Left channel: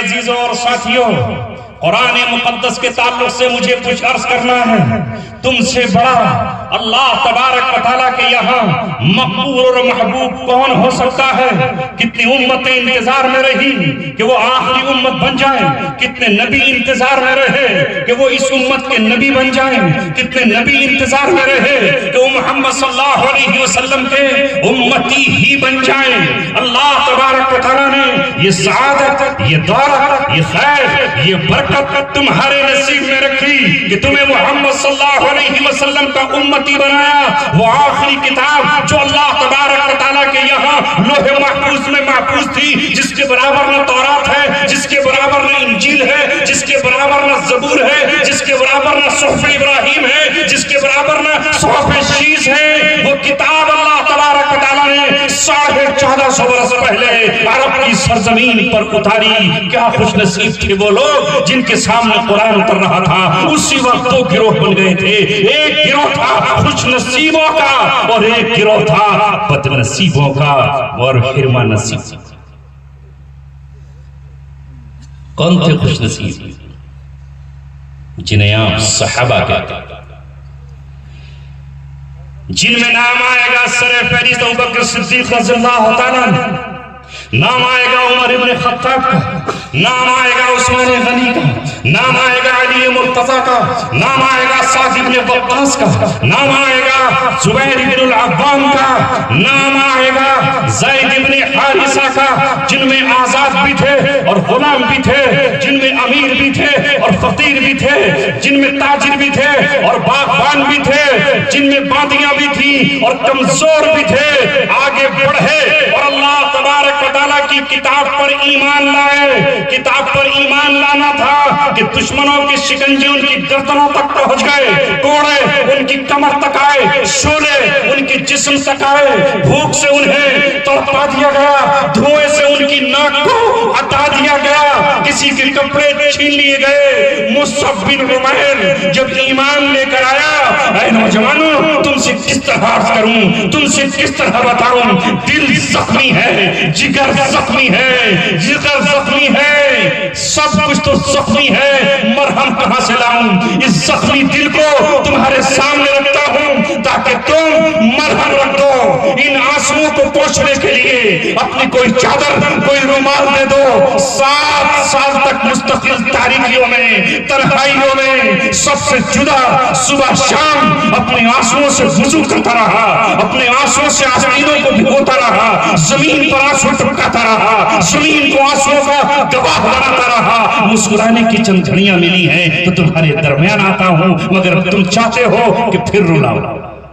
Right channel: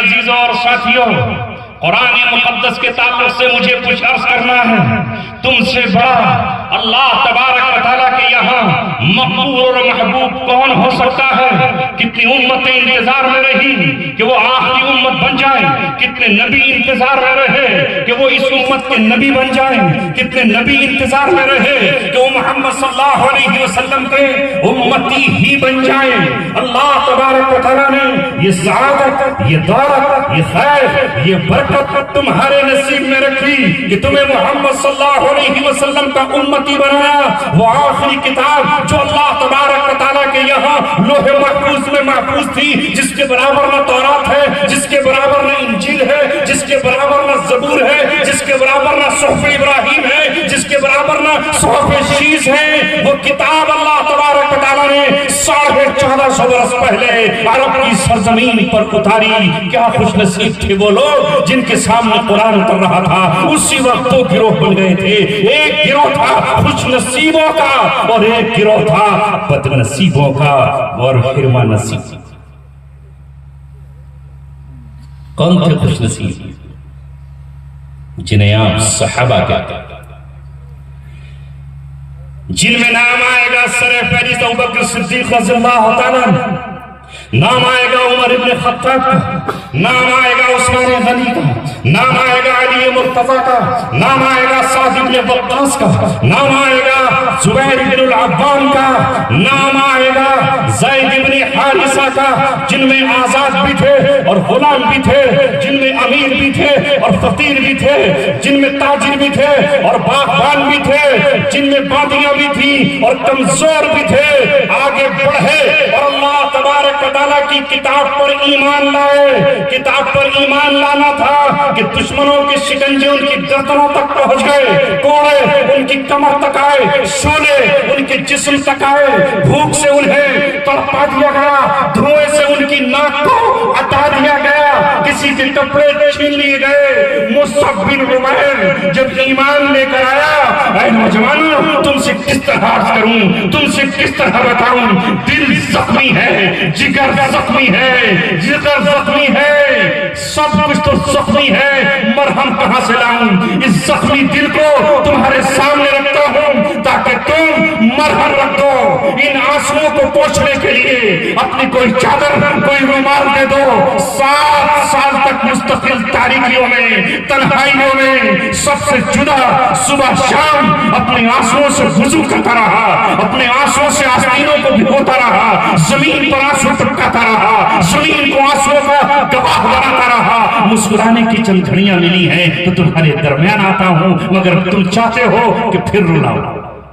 عزیزوں اور ساتھیوں، قرآن مقدس کے تعلق سے مجھے کچھ عرض کرنا ہے۔ تم سے بڑا اللہ تبارک و تعالیٰ کے یہاں مقبول اور محبوب کون ہو سکتا ہے؟ کتنی امتیں انتظار میں رہی کہ وہ آخری امت بن جائیں، کتنے نبی انتظار میں رہے کہ وہ اس امت کے نبی بن جائیں، کتنے نبی انتظار میں رہے کہ وہ محمد صلی اللہ علیہ وسلم کے امتی ہی بن جائیں۔ اللہ تبارک و تعالیٰ نے یہ سعادت، یہ دولت، یہ خیر، یہ برکت تمہارے نصیب میں رکھی کہ تمہیں محمد صلی اللہ علیہ وسلم کا امتی بنایا۔ وہ آخری کتاب جو اللہ تبارک و تعالیٰ کے یہاں لوح محفوظ میں محفوظ تھی، جس کے برابر نہ تورات ہے، جس کے برابر نہ انجیل ہے، جس کے برابر نہ زبور ہے، جس کے برابر نہ صحف ابراہیم ہے، جس کے برابر نہ صحف شیس ہے، وہ کتاب اللہ تبارک و تعالیٰ نے 1450 برس پہلے عرب کی سرزمین پر اتاری۔ کیا خوش نصیب تھے وہ لوگ جن کے سامنے قرآن اتر رہا تھا۔ اسی وقت دو گروہ بن گئے تھے، ایک گروہ تھا خوش نصیبوں کا اور ایک گروہ تھا بد نصیبوں کا اور حرما نصیب۔ کون تھے خوش نصیب؟ جنہیں آپ صحابہ کہتے ہیں، جن میں نام آئے گا سر فہرست ابوبکر صدیق رضی اللہ تعالیٰ، نام آئے گا عمر ابن خطاب کا، نام آئے گا عثمان غنی کا، نام آئے گا علی مرتضی کا، نام آئے گا سعد ابن وقاص کا، نام آئے گا زبیر ابن العوام کا، نام آئے گا زید ابن حارثہ کا، جن میں آزاد بھی تھے اور غلام بھی تھے، جن میں امیر بھی تھے اور فقیر بھی تھے، جن میں تاجر بھی تھے اور باغبان بھی تھے، جن میں بادیاں بھی تھیں اور کمزور بھی تھے۔ آگے بڑھے اور اللہ تبارک و تعالیٰ کی کتاب پر ایمان لائے۔ کتاب پر ایمان لانا تھا کہ دشمنوں کے شکنجے ان کی گردنوں تک پہنچ گئے، کوڑے ان کی کمر تک آئے، شولے ان کے جسم تک آئے، بھوک سے انہیں تڑپا دیا گیا، دھوئے سے ان کی ناک کو ہٹا دیا گیا، کسی کے کپڑے چھین لیے گئے۔ مصعب بن عمیر جب ایمان لے کر آیا، اے نوجوانوں تم سے کس طرح عرض کروں، تم سے کس طرح بتاؤں، دل زخمی ہے، جگر زخمی ہے، جگر زخمی ہے، سب کچھ تو زخمی ہے، مرہم کہاں سے لاؤں؟ اس زخمی دل کو تمہارے سامنے رکھتا ہوں تاکہ تم مرہم رکھ دو۔ ان آنسوؤں کو پوچھنے کے لیے اپنی کوئی چادر، کوئی رومال دے دو۔ 7 سال تک مستقل تاریکیوں میں، تنہائیوں میں، سب سے جدا صبح شام اپنے آنسوؤں سے وضو کرتا رہا، اپنے آنسوؤں سے آستینوں کو بھگوتا رہا، زمین پر آنسو ٹپکاتا رہا، زمین کو آنسوؤں کا گواہ بناتا رہا۔ مسکرانے کی چند گھڑیاں ملی ہیں تو تمہارے درمیان آتا ہوں، مگر تم چاہتے ہو کہ پھر رونا ہو۔